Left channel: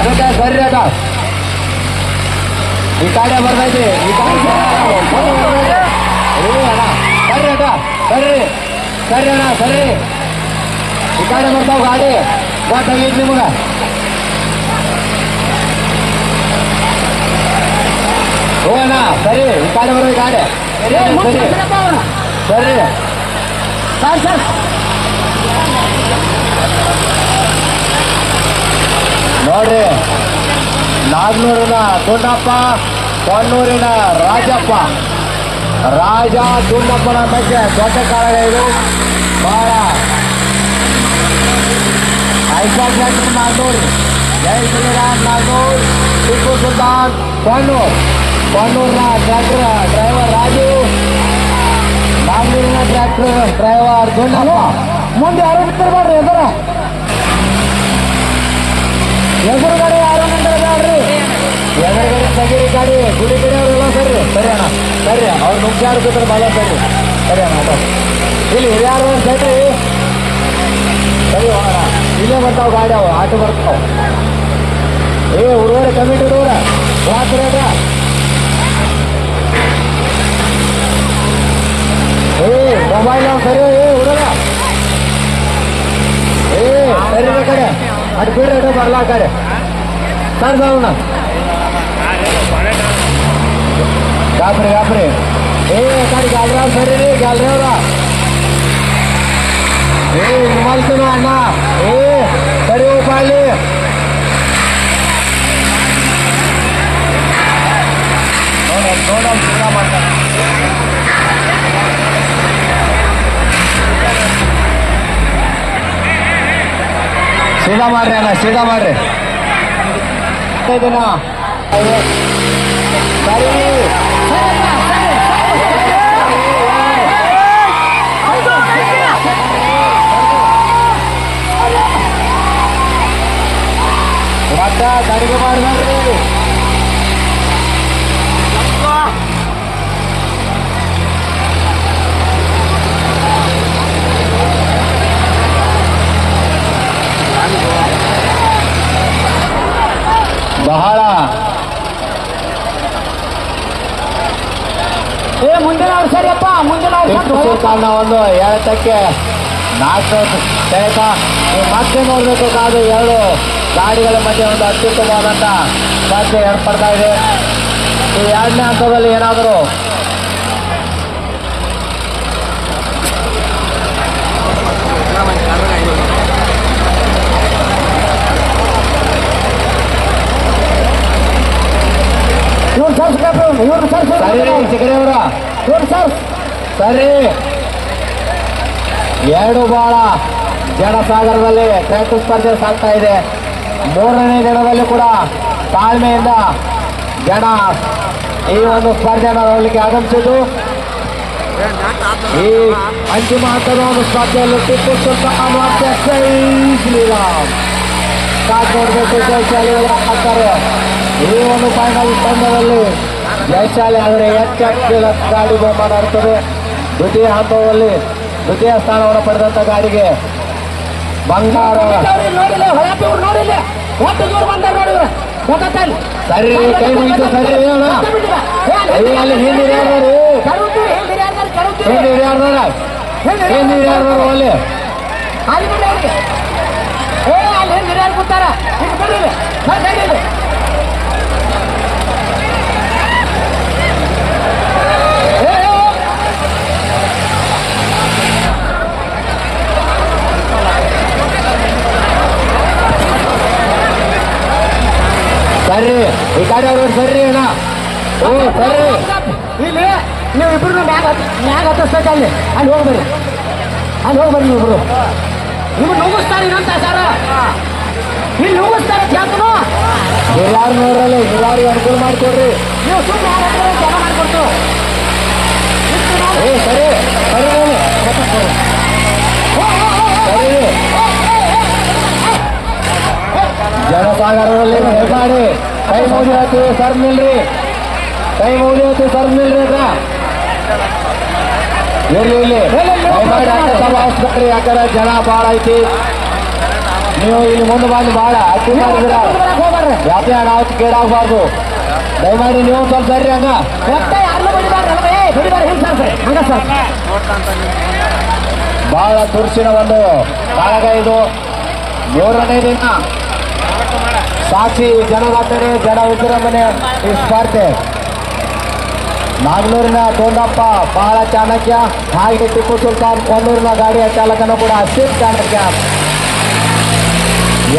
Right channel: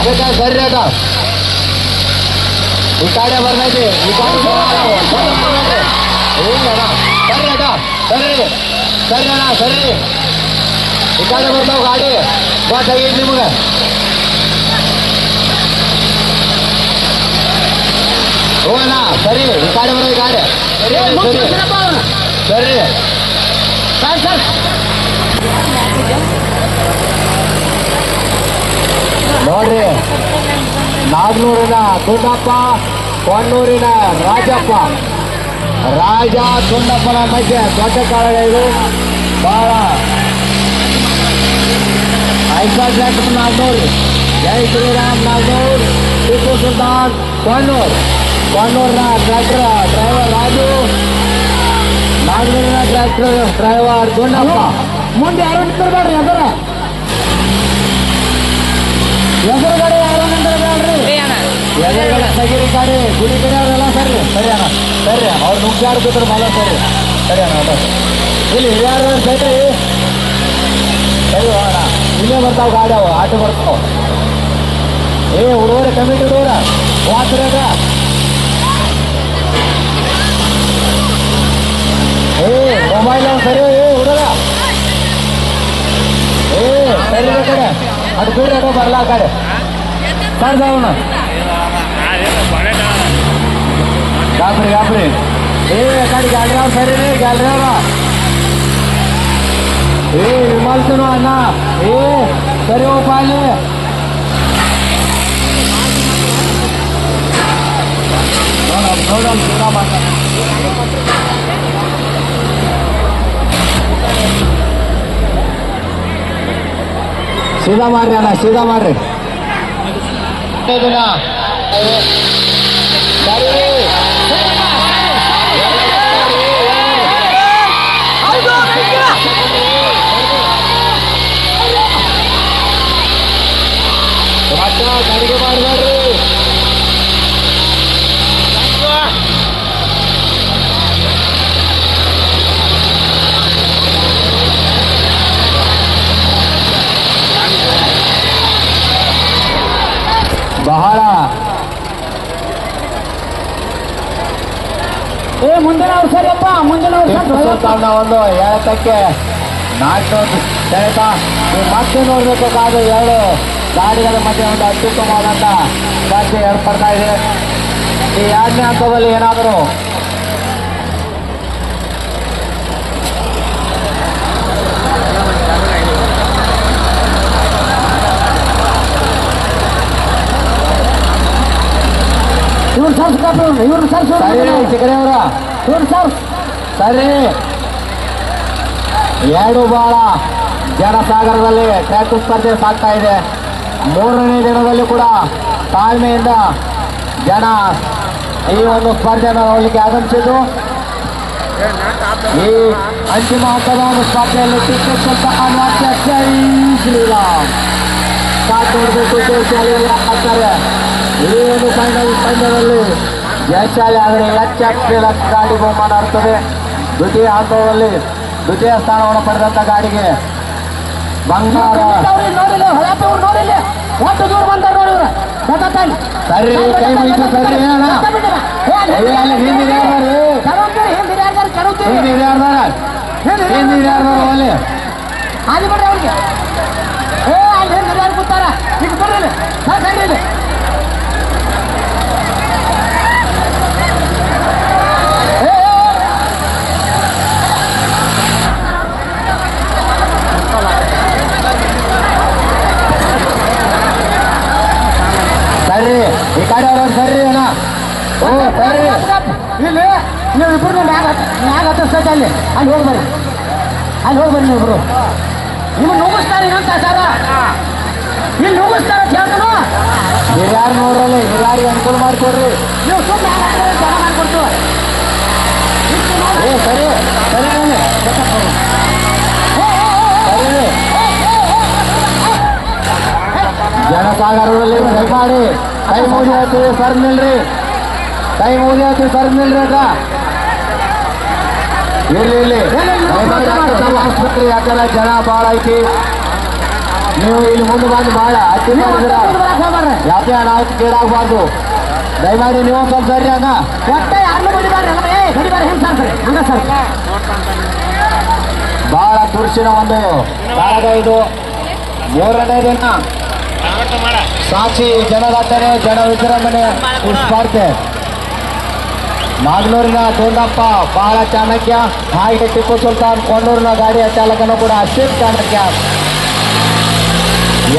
ಗೊತ್ತಾ ಸರಿ ಅದ ಈ ಕಡೆ ಬರ್ತೈತಿ ಈ ಕಡೆ ಸರಿ ಬರ್ತೈತಿ. ಏ ಅಣ್ಣ ಸರಿ ಅದ ಸರಿ ಸರಿ ಅಣ್ಣ ಸರಿ ಈ ಕಡೆ ಬರ್ತಾವ ಗಾಡಿ ಗೊತ್ತಾಗೈತಿ ನಿಮಗೆ ಹೋಗೋಣ ಸರಿ ಈ ಕಡೆ ಬರೋ ಗಾಡಿ ಸರಿ ಸರಿ ಸರ್ ಸರ್ ನೋಡ್ರಿ ನಾಗ್ನೂರಿನ ದುಂಡಪ್ಪ ಕೊಣ್ಣೂರಿನ ರಾಜಪ್ಪ ರಾಜ ದುಂಡಪ್ಪನ ಮಧ್ಯೆ ದೊಡ್ಡ ಕಾರಣ ಇದು ಬಹಳ ಐಸಾಕ್ ಡಾಕ್ಟರ್ ನಾಗ್ನೂರ್ ಜೈ Shriram Nagnur Tipu Sultan Konnur ಕೊಣ್ಣೂರ್ನ tractor driver Raju ನಾಗ್ನೂರಿನ tractor driver Dundappa ಮುಂದೆ ಯಾರು ನಿಂತಿರ್ಬೇಡ್ರಿ ಎದುರು ಗಾಡಿ ಗಿಡಿಯವರೆಲ್ಲ ಬರ್ರಿ ಸರಿ ಅಣ್ಣ ಸರಿ ಅವ್ರು ಮುಖ್ಯಾರು ಬೇಕಾದ್ರೆ ಮಳೆ ಸರಿ ಅಣ್ಣ ಇಲ್ಲಿ ಇಲ್ಲಿ ಯಾರು ಸರಿ ಸರಿ ಅಣ್ಣ ಇಲ್ಲೇ ಬರ್ತಾವ ಗಾಡಿ ಅವು ಆಟೋ ಬರ್ತಾವ ಏ ಹುಡುಗರೆ. ಕಮಿಟಿ ಹುಡುಗರ ರಾತ್ರಿ ಏ ಮೊಬೈಲ್ ಸರಿ ಏ ಹುಡುಗ ಏ ಸರಿ ಕಡೆ ಅದು ಬಿಡ್ರಿ ಅದು ಬರ್ಲಾ ಕಡೆ ಸರ್ ಸಾವಣ್ಣ बापरे बापरे ए एखादी गालराव सरे रे गालरावला ए रुमाल तर आणा ए सर्व उपाले थोडा थोडा सीधा मार रहे ना सीधा मार रहे तो, तो ना। ಕಡಿಗೆ ಮಾಡ್ಬೇಡ್ರಿ ಬಹಳ ಏ ಮುಂದಿನ ವರ್ಷ ಸರಿಯಪ್ಪ ಮುಂದಿನ ಟಿಪ್ಪು ಸುಲ್ತಾನ್ನ ಒಂದು ಎಳೆತಕ್ಕೆ ನಾಲ್ಕು ಸೆಳೆತ ನೀವು ಮತ್ತೆ ನೋಡಬೇಕಾದ ಎರಡು ಗಾಡಿಗಳ ಮಧ್ಯೆ ಒಂದು ಅತ್ಯುತ್ತಮವಾದಂಥ ಚರ್ಚೆ ಏರ್ಪಡ್ತಾ ಇದೆ ಈ ಎರಡನೇ ಹಂತದಲ್ಲಿ ಏನಾದರೂ? ಇವ್ರು ಸರ್ಸ್ಬೇಕು ಇವ್ರು ಸರ್ಸ್ಬೇಕು ಸರಿ ಸಿಗರೇವರ ಇವ್ರು ಸರ್ಸ್ ಸರಿ. ಎರಡು ಬಾಳ ಜನಸಾಗರದಲ್ಲಿ ಟ್ರ್ಯಾಕ್ಟರ್ ಸ್ಪರ್ಧೆ ಸಾಗ್ತಾ ಇದೆ. ಮೂರನೇ ದಿನದಲ್ಲಿ ಕೂಡ ತಾಳ್ಮೆಯಿಂದ ಜನ ಈ ಒಂದು ಸ್ಪರ್ಧೆಯನ್ನು ನೋಡಲಿಕ್ಕೆ ಆಗಮಿಸಿದ್ದು. ಈ ಅಂತಿಮ ಹಂತದ ಒಂದು ಸ್ಪರ್ಧೆಯಲ್ಲಿ ಟಿಪ್ಪು ಸುಲ್ತಾನ್ ಈ ಒಂದು ಫೈನಲ್ ತಂಡದಲ್ಲಿ ಜಯಶಾಲಿ ಆದರೆ ಎಚ್ಚ ಗಾಡಿ ಬಹುಮಾನ ಇರ್ತದೆ ದ್ವಿತೀಯ ಹಂತದಲ್ಲಿ ದ್ವಿತೀಯ ಸ್ಥಾನವನ್ನು ಪಡೆದಂತ ಗಾಡಿಗೆ ಸರಿ, ಕೈ ಮುಗಿತು, ಸರಿ ಅಣ್ಣ ಅಲ್ಲಿ ಹಿಂದಿದೆ ಹಿಂದಿದೆ ಯಾರು? ಹಿಂದಿದೆ ಅಲ್ಲಿ? ಬರ್ರಿ ಅವ್ರಿಗೆ. ಏ, ಅಲ್ಲಿ ಹಿಂದೆ ಯಾರು ಕೂತಾರ? ಈಗ ಬರ್ರಿ ಯಾರಿಗೆ ಅನುಕೂಲ ಮಾಡ್ತೀರಿ ನೀವು ಸುಮ್ಮನೆ ಯಾರು ಜನ ಮಾಡ್ಕೊಡ್ತು ಏ ಸರಿ ಸರಿ ಅವನು. ಸರಿ ಜನಸಾಗರದಲ್ಲಿ ದಯಮಾಡಿ ಕೈ ಮುಗಿಯತ್ತಿ ಸರ್ ನಿಲ್ರಿ ಕೈ ಮುಗಿಯತ್ತಿ ಸರ್ ನಿಲ್ರಿ ಅಕ್ಕ ಇರ್ಲಿ ಇರ್ಲಿ ದಯಮಾಡಿ ಅಕ್ಕ ತಮ್ಮ ಆಸ್ಪತ್ರೆ ಯಾಕಂದ್ರೆ ಜನ ಭಾಳ ಐತಿ ನೀವು ಇಲ್ಲಿ ಮುಂದೆ ಬಂದು ಬೇಡ ಅತಿ ಮಾಡಿದ್ರ ಹೋಗ್ಬಾರ್ರಿ ಯಾಕೆ ನಾವು ಕೇಳಾಗಬಾರ್ದು ದಯಮಾಡಿ ನೀವು ಸ್ವಲ್ಪ ಬರ್ರಿ ಸಾಕ್ರಿ. ಬಹಳ ತುರ್ಸಿನ ಒಂದು ಕಾಳಗ ಇದು ಮೂರನೇ ದಿನ ಸಾಕ್ಷಿ ಜನವಾದರೆ ಜನ ವಿಜೃಂಭಣೆ ಸ್ಪರ್ಧೆ ನಾಗನೂರಿನ ದೊಡ್ಡಪ್ಪ ಬಹಳ ಚಾಣಕ್ಯ. ಹಾಗೆ ಟಿಪ್ಪು ಸುಲ್ತಾನ್ ಕೊಂಡೂರಿನ ಗಾಡಿಯ ಚಾಲಕನು ಕೂಡ ಅಷ್ಟೇ ಚಾಣಕ್ಯ.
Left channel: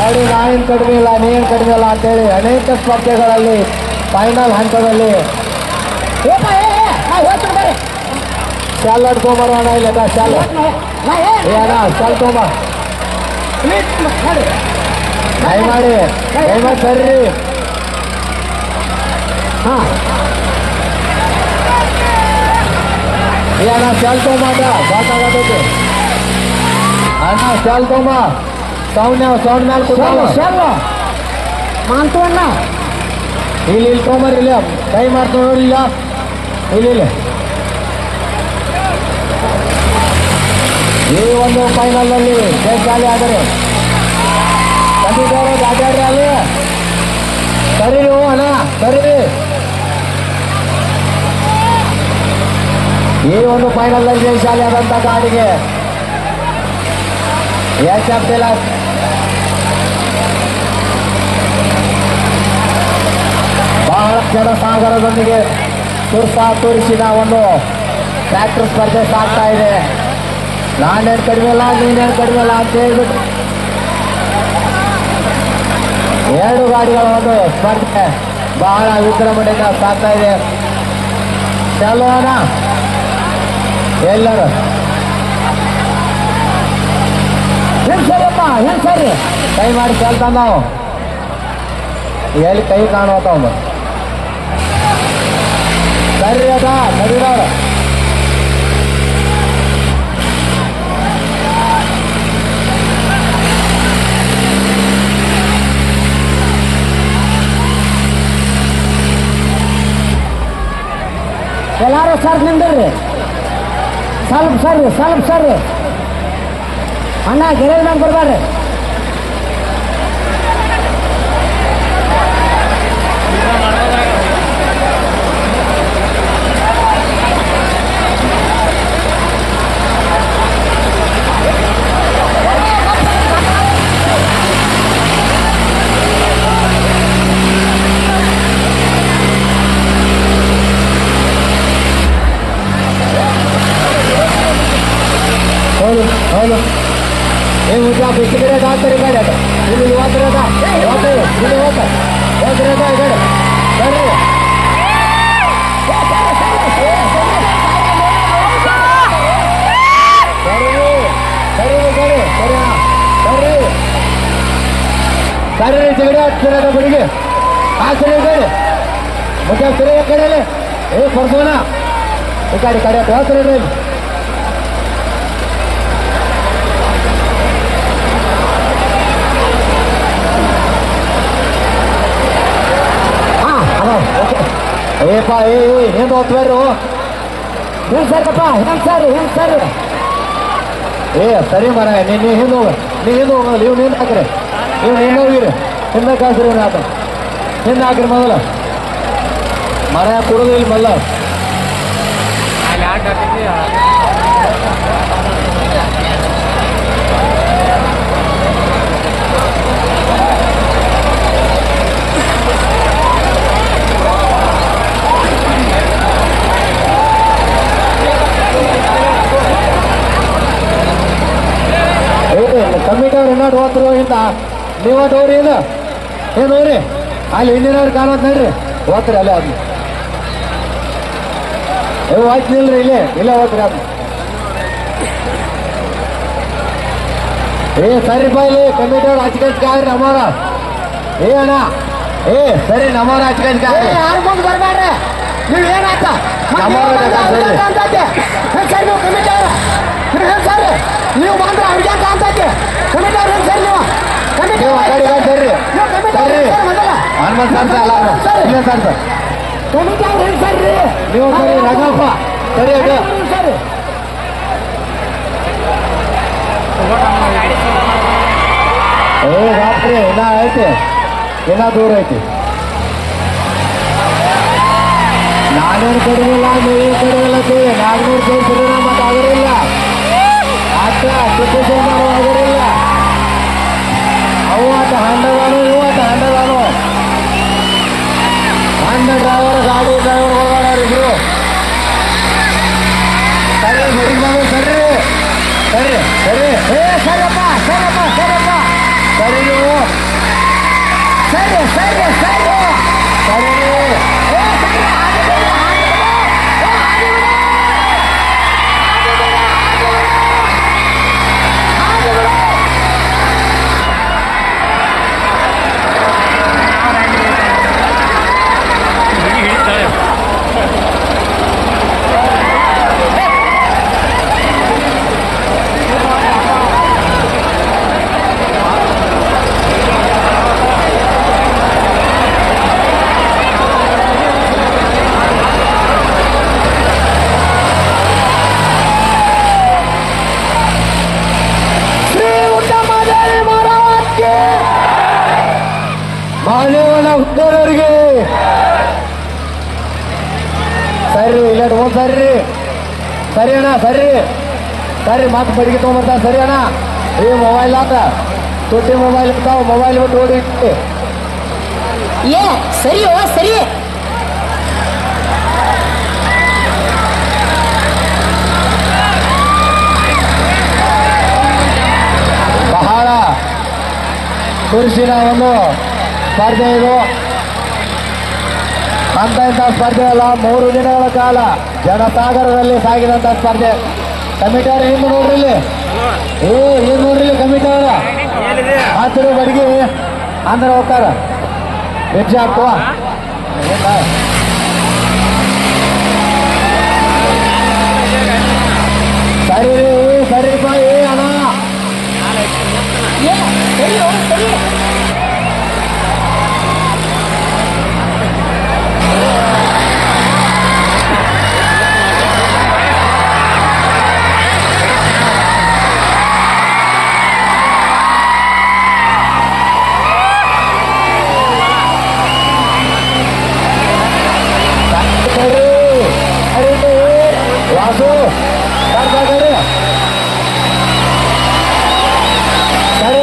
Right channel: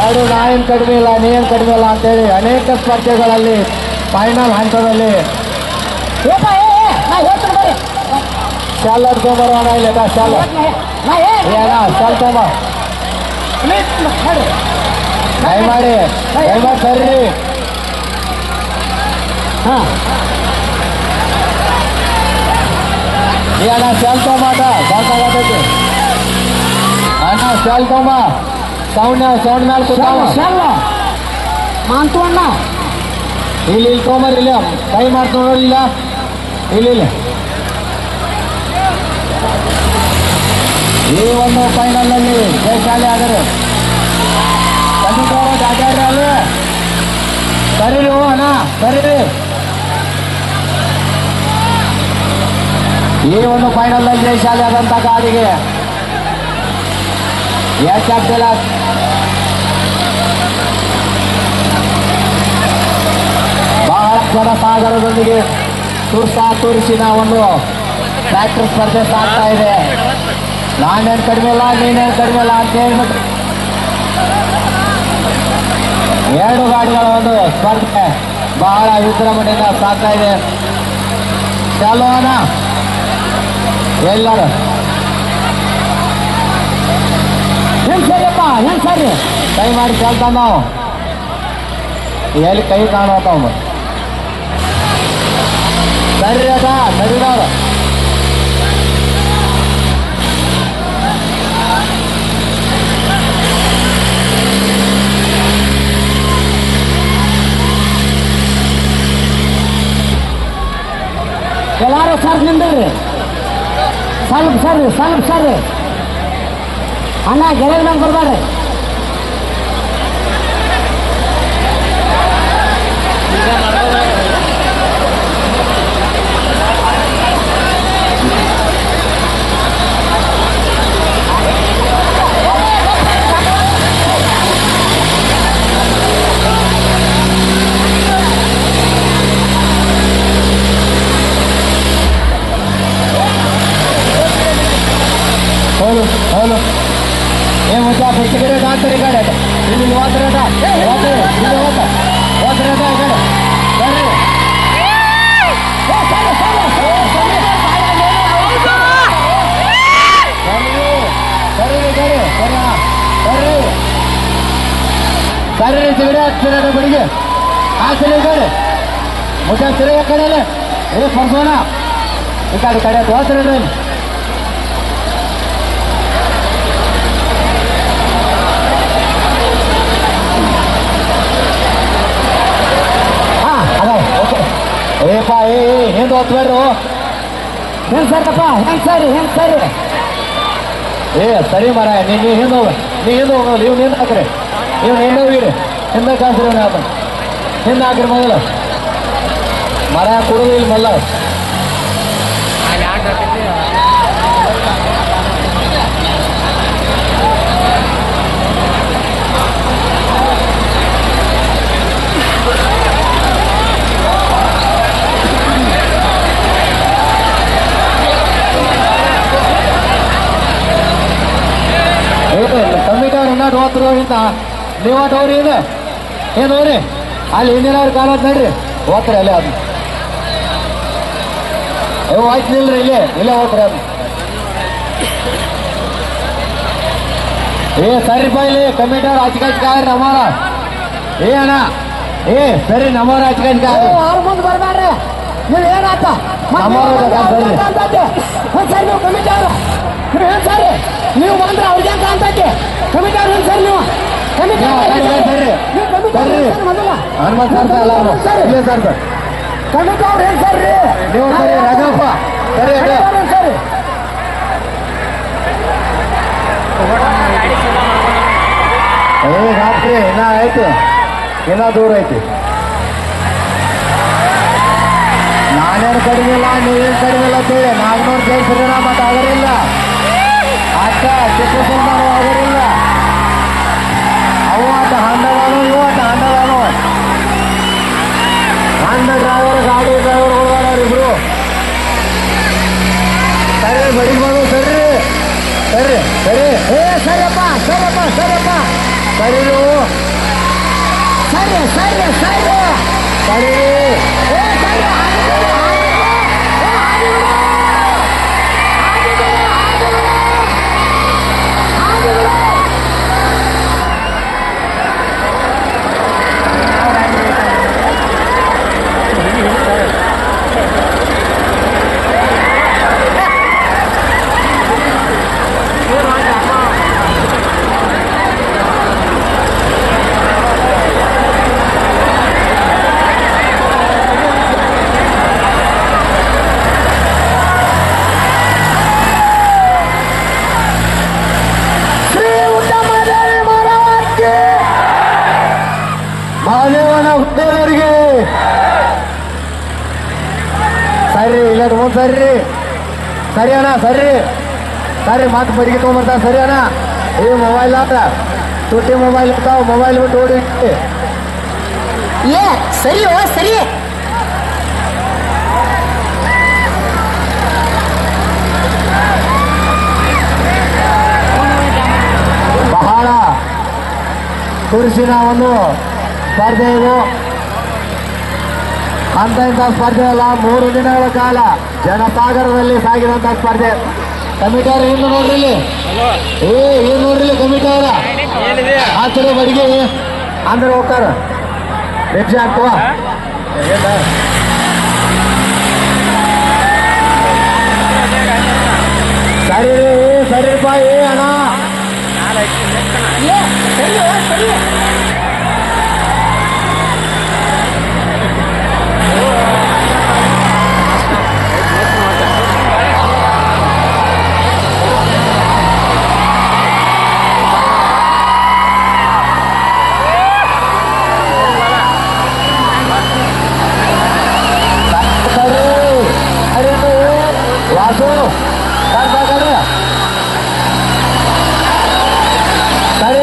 ಎರಡು ನಾಯಿನ್ ಕಡಿಮೆ ಇಲ್ಲ, ನೀನ್ ಕಡಿಮೆ ಇಲ್ಲ ಅಂತೇಳಿ ಅನೇಕ ಸ್ಪರ್ಧೆಗಳಲ್ಲಿ ಫೈನಲ್ ಹಂತದಲ್ಲಿ. ಸೆಲ್ ಹೊಡ್ಕೊಂಬರೋಣ ಇಲ್ಲ ನಾ ಏನ್- ಸೆಲ್ ತೊಗೊಂಬ ನೋಡ್ರಿ. ಮಾಡಿ ದಯಮಾಡಿ ಸರ್ರಿ ಹಾ. ಏನ ಸೆಲ್ ತೊಗೊಂಬ ಸಾಕಾಗತೈತಿ ಅಣ್ಣ ಸೆಲ್ ತೊಗೊಂಬ ಸೌಂಡ್ ಸೌಂಡ್ ಮೇಲೆ ಕೂತಾವ. ಮಾಂತು ಅಣ್ಣ. ಇಲ್ಲಿ ಇಲ್ಲಿ ತೊಗೊಂಬರ್ರಿ ಇಲ್ಲ ಕೈ ಮಾಡ್ತು ನೋಡಿಲ್ಲ ಇಲ್ಲಿ ಇಲ್ಲಿ ಈ ಒಂದು ಫೈನಲ್ನಲ್ಲಿ ಜಯಶಾಲಿ ಆದರೆ ಕಂಡಿದ್ದವರು ಅಡ್ಡಾಡ್ರಿ ಅಲ್ಲೇ ಕರೀರಿ ಹೋ ಅಣ್ಣ ಕರೀರಿ ಈ ಒಂದು ಫೈನಲ್ನಲ್ಲಿ ಜಯಶಾಲಿ ಆದಂಥ ಗಾಡಿಗೆ ಯಾಕೆ ಆಗ್ತಿಲ್ಲ ಬಹಳ ಜನ ಸಾಗರದೊಂದಿಗೆ ತುರ್ಸ ತುರ್ಸಿನ ಒಂದು ಟ್ರ್ಯಾಕ್ಟರ್ ಸ್ಪರ್ಧೆ ಸಾಗ್ತಾ ಇದೆ. ನಾನೇನು ಕಡಿಮೆ ಇಲ್ಲ ನೀನೇನು ಕಡಿಮೆ ಇಲ್ಲ ಅಂತ ಹೇಳ್ಬಿಟ್ಟು ಎರಡು ಗಾಡಿಗಳ ಒಂದು ಸ್ಪರ್ಧೆ ಬಹಳ ವಿಜೃಂಭಣೆಯಿಂದ ಸಾಗ್ತಾ ಇದೆ. ಚಾಲೋನ ಎಲ್ಲರೂ. ಹೆಂಗ್ ಸರಿಯಪ್ಪ, ಹೆಂಗ್ ಸರಿ? ಕೈ ಮಾಡಿ ಕೇಳ್ತಾ ನಾವು. ಎಲ್ಲಿ ಕೈ ಕಾಣುವತ್ತ சரிடப்பா சரிடா எல்லாரும் சார் நின்று சாலப் சார் சாலப் சார். அண்ணா கிரேவ் நான் கொடுப்பாரு ಹೋದ್ರೆ ಈ ಕಡೆ ಬರ್ರಿ ಬರ್ರಿ ಬರ್ರಿ ಬರ್ರಿ ಬರ್ರಿ ಬರ್ರಿ ಸಿಗಡೆ ಹತ್ತಿರ ಬಿಡಿಗೆ ಆ ಸಿರಿ ಕಡೆ ಮುಚ್ಚ ಸಿರಿ ಕಡೆ ಏ ಪರ್ಸೋನ ಈ ಕಡೆ ಕಡೆ ಹೋಗ್ತಾರೆ ಏಪ್ಪ ಏ ಹಿಂದೆ ಹೋಗ್ಬೇಡ್ರು ಹೆಂಗ್ ಸರಿಯಪ್ಪ ಹೆಂಗ್ ಸರಿ ಹೆಂಗ್ ಸರಿ ಏ ಸರಿ ಮರ ನೀನು ಹಿಂದೆ ನೀವು ಹಿಂದೆ ಹೋಗ ನೀವು ನೀನು ಹಾಕ್ರಿ ನೀವು ಹಿಂದೆ ಹೋಗಿರಿ ಹಿಂದೆ ಕಾಸ್ರಿ ಆತ ಹಿಂದೆ ಹಾಕ್ರಿ ಮೊದಲ ಮರ ಕುಡಿದು ಮಲ್ಲ ಅವ್ರು ಇನ್ನೂ ನೀವು ಇದೆ? ಏ ನೋಡ್ರಿ ಅಲ್ಲಿ ಹಿಂದಿನವ್ರು ಕಾಲ ನೋಡ್ರಿ. ಹೋಗ್ತೀರಿ ಅಲ್ಲೇ ಅದು ಏ ಹೋಯ್ತು ನಿಲ್ರಿ ಇಲ್ಲೇ. ಇಲ್ಲೇ ಹೋಗ್ತೀರಿ ಅದು ಏ ಸರಿ ಬೈಲಿ ಕಮಿಟಿ ಅವ್ರು ಹಚ್ಕಚ್ಕಾಗ್ರಿ ನಮ್ಮವ್ರ ಏ ಅಣ್ಣ. ಏ ಸರಿ ನಮಾರ ಯಾರ್ ಮುಂದ್ ಬರ್ಬ್ಯಾಡ್ರಿ ನೀವ್ ಸರಿ? ಬಂದ್ರೆ ಅವ್ರಿಗೆ ಅವ್ರು. ಇಲ್ಲೇ ಸರ್ ಸರ್. ನೀವು ಸರಿ ರಾಜಪ್ಪ. ಸರಿ ಅದೇ ಸರಿ ಏ ರಾತ್ರಿ ಇನ್ನ ಐತಿ. ಇನ್ನ ದೂರ ಐತಿ. ನಾನೇನು ಕಡಿಮಿಲ್ಲ ನೀವೇನು ಕಡಿಮಿಲ್ಲ ಅಂತೇಳಿ ನಾಲ್ನೂರು ಸೇರಿಸಿದ್ರೆ ಮತ್ತೆ ಆಗರಿಲ್ಲ ಅಕ್ಕ Eh, salva, salva, salva, salva. Salva, salva, salva. ಒಂದು ಸರಿ ಅಣ್ಣ ಸರಿ ಸರಿ ಮತ್ತೆ ಬಡಿಗೆ ತೊಗೊಂಬರ್ತಾವ ಸರಿ ಅಣ್ಣ. ಈ ಮೊಬೈಲ್ ಆತ. ತುಟ್ಟಿ ಮೊಬೈಲ್ ಇರ್ತಾವ ಮೊಬೈಲ್ ಬಿಟ್ಟು ಓಡಿ. ಏ ಸರಿ ಓ ಸರಿ. ಬಹಳ ಕುರುಸಿನ ಒಂದು ಸ್ಪರ್ಧೆ ಇದು ಅಂತ ಇಂಥ ಸ್ಪರ್ಧೆ ಅಲ್ಲ ಮೂರು ದಿನಗಳ ಕಾಲ ಜನಸಾಗರದಲ್ಲಿ ಸಾಗಿದಂತ ಸ್ಪರ್ಧೆ. ಕಮಿಟಿ ಅವ್ರ ಹಿಂದೆ ನೋಡ್ರಿ ಏ ಏನ್ ನೋಡ್ರಿ ಕಮಿಟಾರ ಕಮಿಟಿ ಅವರ. ಆಚರ ಬಡಿಗೆ. ಅಂದ್ರೆ ಹೋಗ್ತಾರ. ಹೆಜ್ಜೆ ಹಾಕ್ತವ. ಸರಿ ರೀ ಸರಿ ಏ ಅಣ್ಣ ವಾಸು ಸರ್ ಸರಿ ಸರಿ ಸರಿ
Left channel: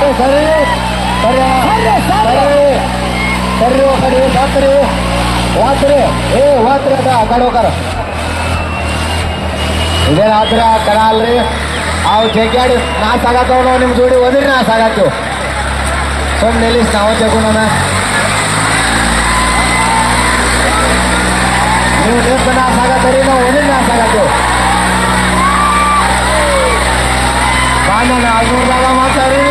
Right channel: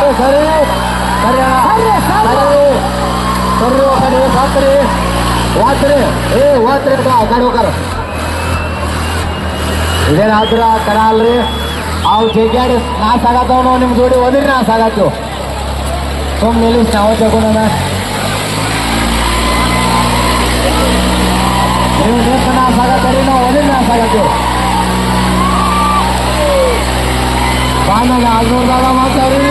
ಸರಿ ಸರಿ ಸರಿ ಕಡೆ ಸಾಕ್ರಿ ವಾತ್ರಿ ಏ ವಾತ್ರಿ ಅದ ಕಡೆ ಹೋಗಾರ ಇದೇನು ಆದ್ರ ಕರ ಅಲ್ರಿ ಅವು ಜಗ್ಗಾಡಿ ನಾಶ ಆಗತ್ತವ ನಾವು ನಿಮ್ಮ ಜೋಡಿ ಓದಿರಿ ನಾಶ ಆಗತ್ತು ಸುಮ್ಮನೆ ನಿಲ್ಲಿಸಿ ನಾವು ತಗೊಂಡೋಣ હું નથી મારા કરીને એને ના મારા જો કાનો